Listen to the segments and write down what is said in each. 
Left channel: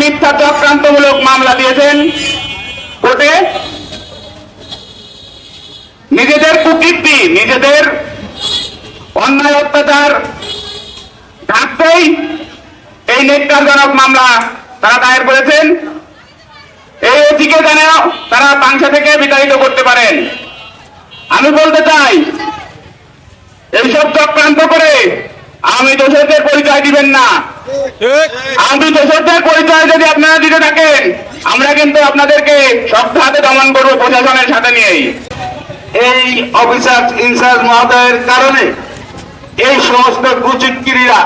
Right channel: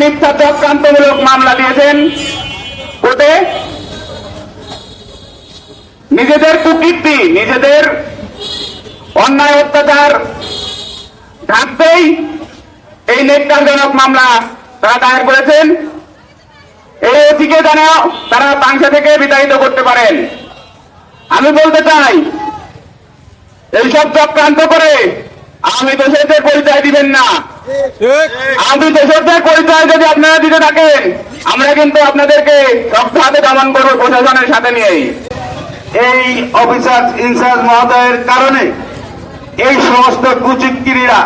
মিথ্যা চক্রান্তমূলক মামলা দিয়েছেন কোর্টে। নিজেদের কুকীর্তি, নিজেদের অন্যায় অত্যাচার ঢাকতেই এই নেককারজনক মামলা তারা দায়ের করেছেন। এই অধিকে জানা তারা পাংশা থেকে বিতাড়িত করতে পারেন। আমি বলতে চাই, এইসব চক্রান্ত করে আমি দোষরদের পরিচয় দিবেন না। আমি দোষরদের পরিচয় যদি আপনারা দিতে থাকেন আমরা কিন্তু আপনাদেরকে শক্ত হাতে দমন করব প্রশাসনের সাথে নিয়েই। এই অফিসার ইনচার্জ মহোদয়ের কারণে এই সমস্ত কুচিৎকিরীরা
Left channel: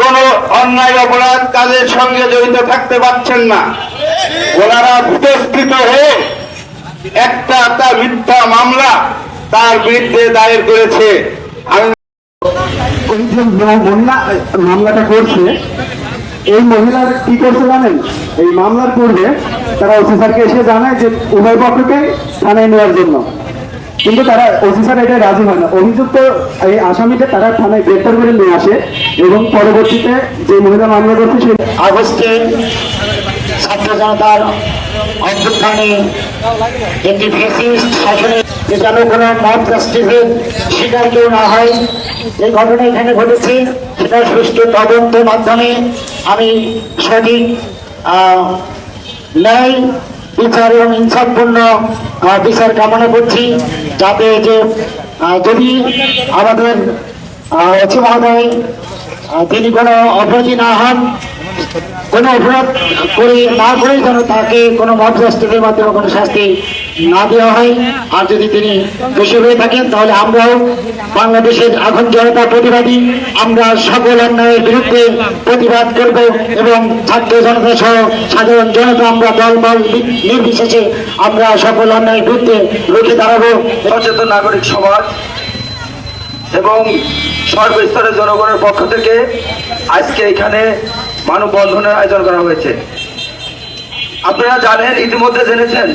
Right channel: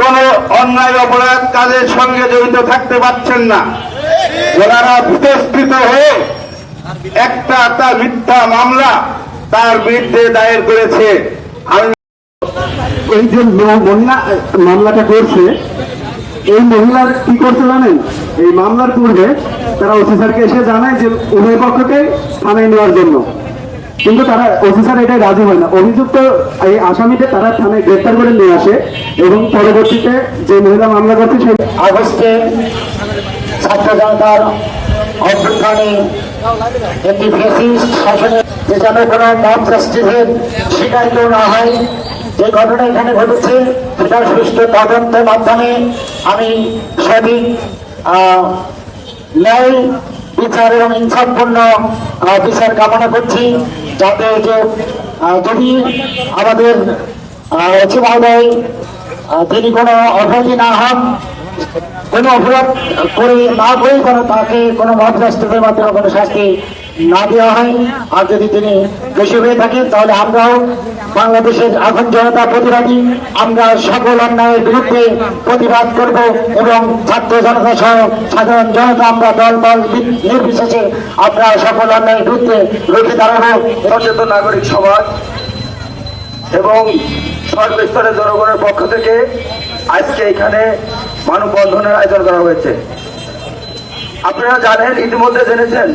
কোন অন্যায় অপরাধ কাজের সঙ্গে জড়িত থাকতে পারছেন না। ওনারা ভূতস্কৃত হয়ে একটা একটা মিথ্যা মামলা তার বিরুদ্ধে দায়ের করেছে। আমি এই যে মামলাটা করছে এই মহিলার কি করছে জানেন? এই মামলার পূর্বে তারা ওসি স্যারকে এসে জানায় যে উভয় পক্ষকে থানায় নেওয়ার জন্য। কিন্তু তারা স্যার এটাই রাজি হয় না। অভিযুক্ত এই আসামিকে তারা থানায় গ্রেপ্তার করে নিয়ে আসে এবং পরবর্তীতে যে মহিলা মামলা করছে সে আগস্টে ছাত্র জনতার অভ্যুত্থানে একটি ফেসিস্ট শাসনে যেখানে কোনো মত রাষ্ট্রের শিকার কেউ না হয়। যে ঘটনা এখানে ঘটেছে, সেটা সুষ্ঠু তদন্তের মাধ্যমে আমি সঠিক ন্যায়, বিচার এবং ইনসাফপূর্ণ বিচার কামনা করছি। যাতে যে যদি আমাদের এসে মহোদয় তিনি কোনো অপরাধী না হন, কোনো অপরাধ করে, না করে যেন তাকে কোনো মহাপ্রাস্তের মাধ্যমে কোনো শাস্তি না দেওয়া হয়। আর যদি তিনি দোষী হয়ে থাকেন, তাহলে আমরাও বাংলাদেশের এখন জনতা প্রতিবাদী। আমরা সকল অন্যায়ের বিরুদ্ধে প্রতিবাদ করব এবং ছাত্র জনতা সহ সাধারণ জনতা আমরা দলবল নির্বিশেষে আমরা সকল অন্যায়ের বিরুদ্ধে রুখে দাঁড়াবো। সচেতন নাগরিক সমাজ এবং সর্বস্তরের জনগণের পক্ষ থেকে আজকে এখানে মানববন্ধনের আয়োজন করা হয়েছে। আপনারা জানেন, ইতিমধ্যে জেনেছেন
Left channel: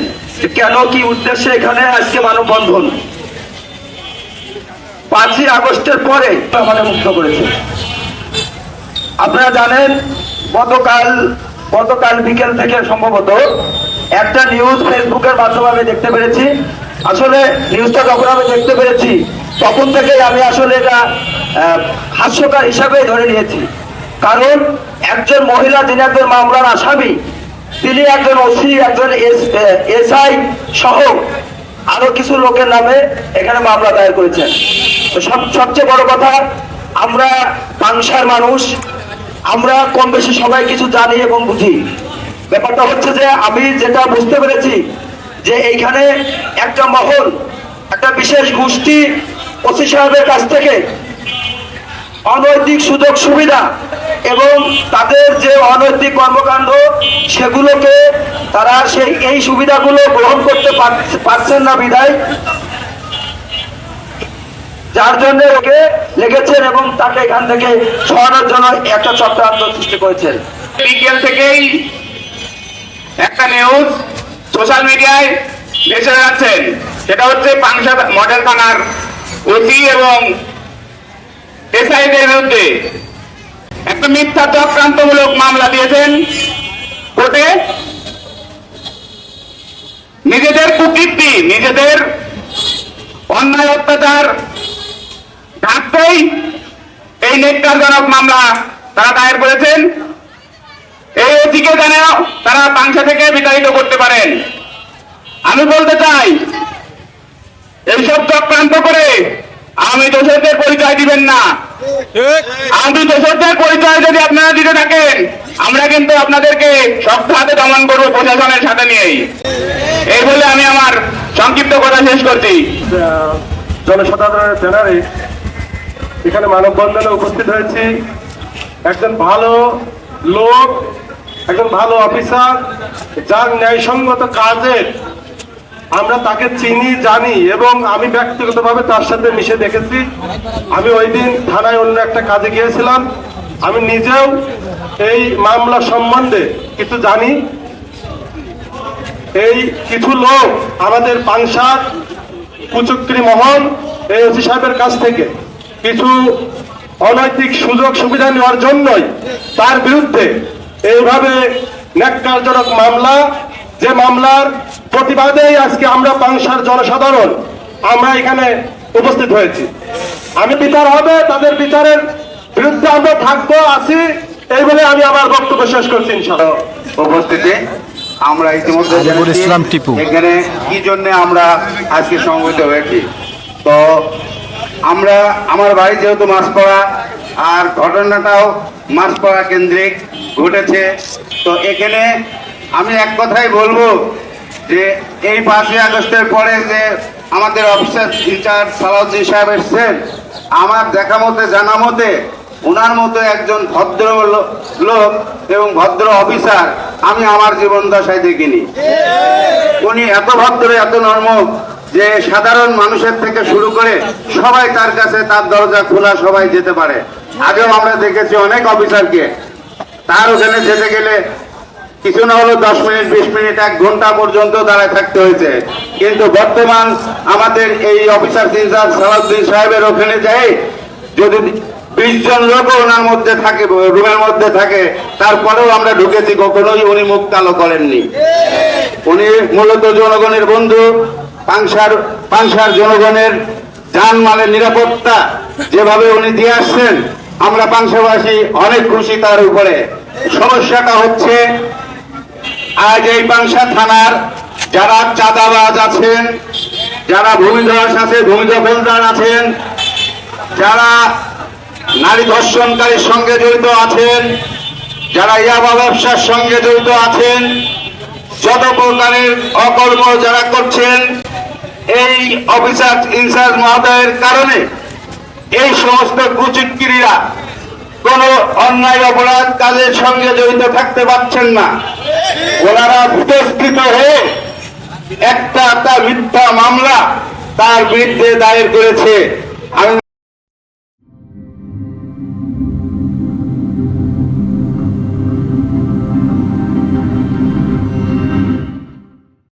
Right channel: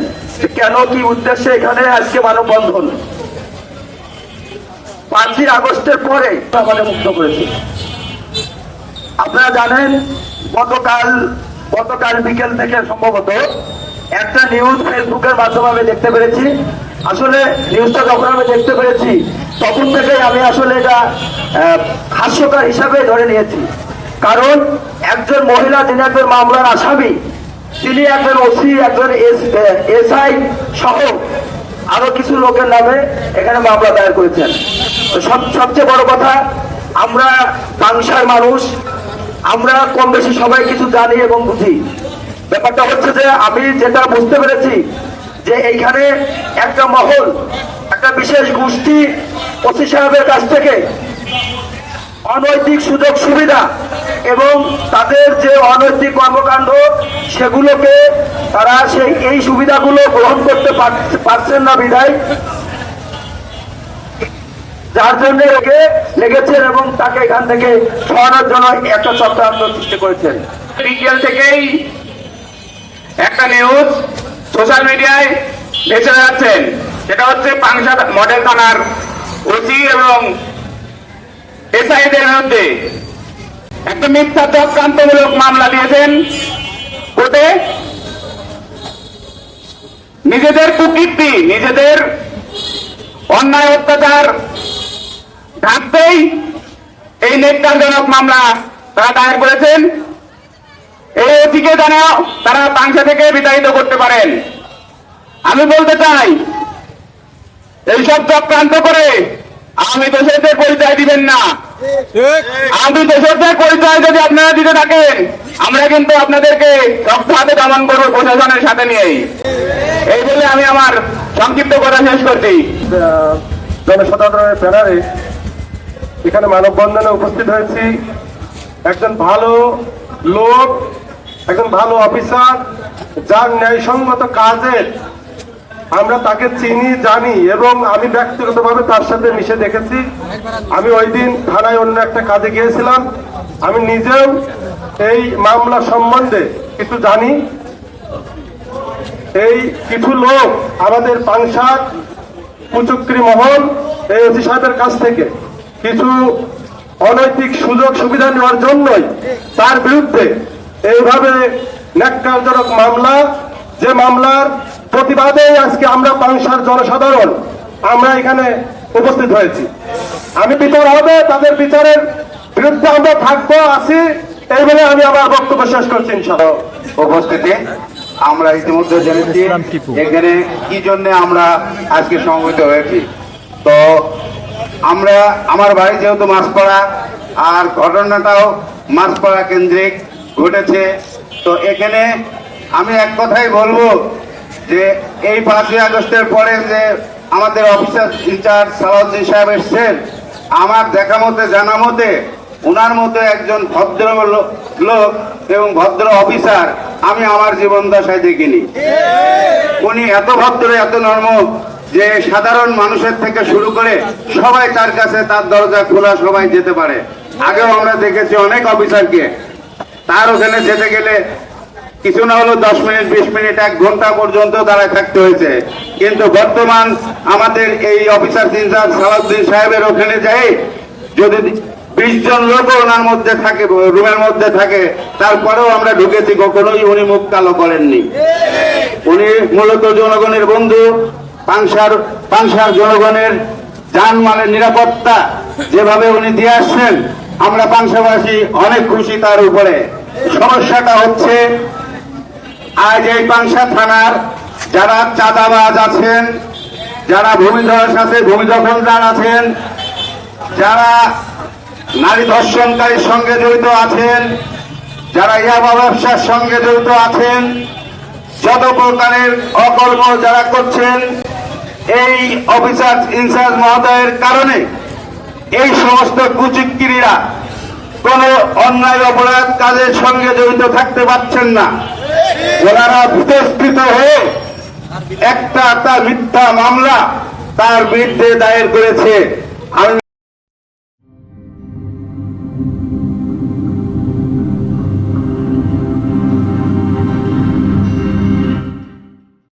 কেন কি উদ্দেশ্যে এখানে আজকে মানববন্ধন। পাঁচই আগস্টের পরে আমাকে মুক্ত করেছে। আপনারা জানেন, গতকাল গতকাল বিকেল থেকে সম্ভবত একটা নিউজ ফেসবুকের মাধ্যমে আমি দেখতে পেরেছি। আসলে নিউজটা যখন আমি দেখতে পেরেছি, তখন থেকে আমি আসলে এটা হাস্যকার হিসাবে ধরে নিয়েছি। কারণ একজন মহিলা একজন মামলার আসামি তিনি একজন ওসি, একজন এসআই সহ আরও কিছু লোকের নামে এখানে মামলা দায়ের করেছেন। সবচেয়ে বড় কথা, আমরা বাংশার মানুষ, আমরা কম বেশি সবাই কিছু জানি এবং বুঝি। ব্যাপারটা হচ্ছে যে, আমি যেটা বুঝতে পেরেছি যে এইখানে একটা মহল, একটা বিশেষ গোষ্ঠী ওসি সাহেবের কাছ থেকে অনৈতিক সুযোগ সুবিধা এবং তাদের যে অনৈতিক কর্মকাণ্ড, সেগুলোকে তারা সেই, এই সুবিধাগুলো গ্রহণ করতে পারছে- পারছেন না বিদায় যার জন্য ওকে লেগেছেন এবং তাকে এখান থেকে সরানোর জন্য একটা চক্রান্ত সৃষ্টি করেছেন। বিকেল থেকেই একটা নিউজ সোশ্যাল মিডিয়ায় ভেসে যাচ্ছেন সেটা হচ্ছে পাংশা মডেল থানার ওসি এবং এসআইদের বিরুদ্ধে। একটা মিথ্যা চক্রান্তমূলক মামলা দিয়েছেন। কোর্টে নিজেদের কুকীর্তি, নিজেদের অন্যায় অত্যাচার ঢাকতেই এই নেককারজনক মামলা তারা দায়ের করেছেন। এই অধিকে জানা তারা পাংশা থেকে বিতাড়িত করতে পারেন। আমি বলতে চাই, এইসব চক্রান্ত করে আমি দোষরদের পরিচয় দিবেন না। আমি দোষরদের পরিচয় যদি আপনারা দিতে থাকেন আমরা কিন্তু আপনাদেরকে শক্ত হাতে দমন করব প্রশাসনের সাথে নিয়েই। এই বলে আমি আমার সংক্ষিপ্ত কথা শেষ করছি। জনসাধারণের ব্যানারে এখানে মানববন্ধনে উপস্থিত হয়েছি। একজন ভালো লোক একজন ভালো অফিসার যার ন্যায়সঙ্গত কাজের আমরা তাকে চিনি, জানি এবং আমি ব্যক্তিগতভাবে তার সাথে মিশে দেখেছি। আমি ওই দিন থানায় অন্য একটা কাজে গিয়েছিলাম। আমি নিজেও এই মামলা সম্বন্ধে কিছু জানি। এই কিছু লোক আমাদের পাংশার কুচুক্রি মহল এই ওসি সাহেবের কাছ থেকে কিছু অনৈতিক সুযোগ সুবিধা নেওয়ার জন্যই তার বিরুদ্ধে এইভাবে ন্যাক্কারজনক মামলা, যে মামলার প্রতিবাদেই আজকে আমরা পাংশার জনসাধারণ আমরা এখানে উপস্থিত হয়েছি। আমি বিচার হবে তাদের বিচারের বিরুদ্ধে আমরা থাকব আছি এই বলে আমি আমার বক্তব্য শেষ করছি উপস্থিতি আমরা ইতিমধ্যে জেনেছি এখানে কি জন্য আমরা আজকে সমবেত হয়েছি। তো আমরা আমার বাড়ি যেহেতু মাছপাড়া আর ঘটনাটাও মাছপাড়া কেন্দ্রিক ঘটেছে তো এখানে আমি এক কথাই বলব যে এই পাঁচই আগস্টের পরে যে আমাদের অফিসার ইনচার্জ সালাউদ্দিন সাহেব এসছেন, আমার দেখা মতে, জানা মতে ওনার মতো একজন ভদ্র লোক এবং ভদ্র অফিসার আমি আমার জীবন দশায় দেখিনি। উনি এত ভদ্র, এত নর্ম যে সাধারণ মানুষের থেকে শুরু করে সবাই তার কাছে, তার দরজা খোলা সবাই যেতে পারে। আগেও আমরা দেখেছি অনেক অফিসারকে। তার ওখানে যেতে গেলে কিছু না হলো দশ মিনিট, বিশ মিনিট, এক ঘণ্টা পর্যন্ত দাঁড়ায় থাকতে হয়েছে। কিন্তু বর্তমান আমাদের এই অফিসার ইনচার্জ সালাউদ্দিন সাহেবের ওখানে যাই, যদি বিশ জন লোক ওনার মধ্যে থাকে, রুমের মধ্যে থাকে, তারপরেও আমরা ঢুকেছি, কখনোই উনি মুখ কালো করেননি। উনি মূলত জনগণের বন্ধু পাংশার পাংশার জনগণের জানমালের নিরাপত্তা যেভাবে উনি দিয়ে আসছেন, আমরা পাংশাবাসী অনেক খুশি তার উপরে। সমস্যাটা হচ্ছে আজ এই পাংশা থানার যারা চাঁদাবাজ আছেন, যারা ভূমিধস আছে ভূমিদখলদার আছেন, যারা নারী ধর্ষণকারীর সঙ্গে জড়িত আছেন, যারা ইয়াবা ব্যবসার সঙ্গে জড়িত আছেন, যত প্রকারের অকর্ম যারা করছেন, এই অফিসার ইনচার্জ মহোদয়ের কারণে এই সমস্ত কুচিক্রিয়া কোন অন্যায় অপরাধ কাজের সঙ্গে জড়িত থাকতে পারছেন না। ওনারা ভূতস্কৃত হয়ে একটা একটা মিথ্যা মামলা তার বিরুদ্ধে দায়ের করেছে। আমি